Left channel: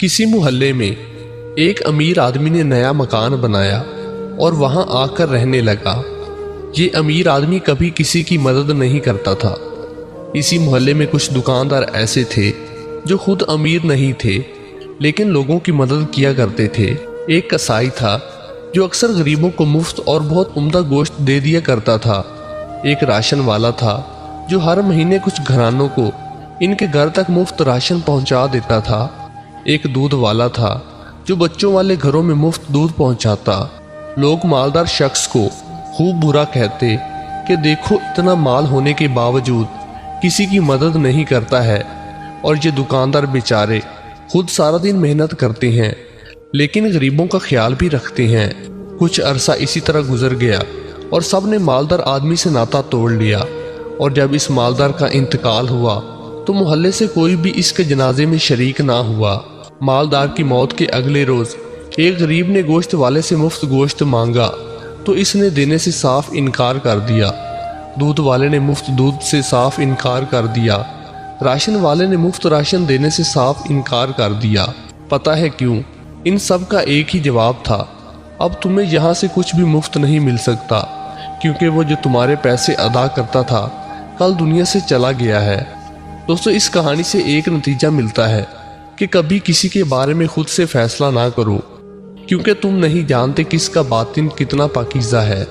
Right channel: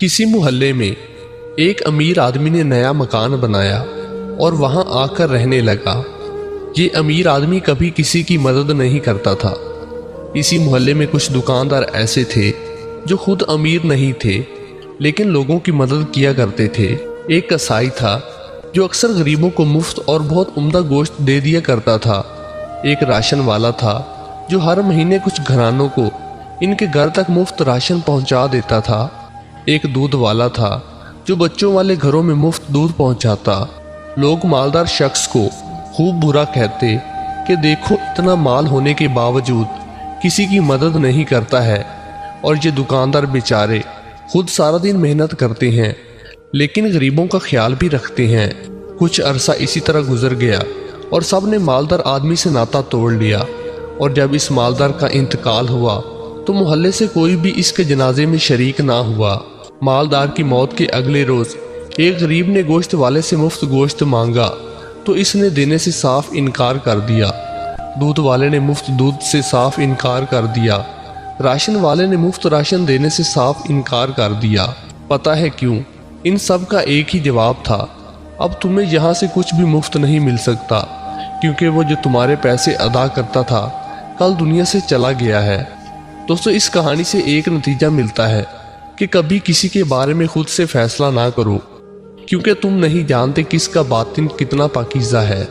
کسی محلے میں ایک امیر آدمی نے نیا مکان بنایا اور وہاں آ کر رہنے لگا۔ یہ امیر آدمی کبھی کسی کی مدد نہیں کرتا تھا۔ اسی محلے میں کچھ دکاندار ایسے تھے جو خود امیر نہیں تھے لیکن لوگوں کی مدد کیا کرتے تھے۔ ایک کسائی تھا جو اکثر غریبوں کو مفت اور بہت عمدہ گوشت دے دیا کرتا تھا۔ ایک راشن والا تھا جو ہر مہینے کچھ گھرانوں کو ان کے گھر تک مفت راشن پہنچا دیتا تھا۔ ایک دودھ والا تھا جو بچوں والے گھروں میں مفت دودھ پہنچاتا۔ لوگ مالدار شخص کو خوب برا کہتے کہ دیکھو اتنا مال ہونے کے باوجود کسی کی مدد نہیں کرتا ہے، اور یہ دکاندار بیچارے خود سارا دن محنت کرتے ہیں لیکن غریبوں کا خیال بھی رکھتے ہیں۔ کچھ عرصہ اسی طرح گزر گیا اور سب نے مالدار آدمی سے ناطا توڑ لیا، اور جب اس مالدار کا انتقال ہوا تو محلے سے کوئی بھی اس کے جنازے میں شریک نہ ہوا۔ مالدار کی موت کے اگلے روز ایک غریب نے گوشت والے سے مفت گوشت مانگا تو اس نے دینے سے صاف انکار کر دیا۔ دودھ والے نے مفت دودھ سے صاف انکار کر دیا۔ راشن والے نے مفت راشن دینے سے صاف انکار کر دیا۔ پتہ ہے کیوں؟ ان سب کا ایک ہی جواب تھا، اب تمہیں یہاں سے کچھ بھی مفت نہیں مل سکتا، کیونکہ وہ جو تمہارے پیسے ادا کرتا تھا کل دنیا سے چلا گیا ہے۔ دوستو، اس کہانی سے ایک نتیجہ ملتا ہے کہ کبھی کسی کے بارے میں خود سے فیصلہ نہ کرو، کیونکہ تم نہیں جانتے کس کا باطن کتنا پاکیزہ ہے۔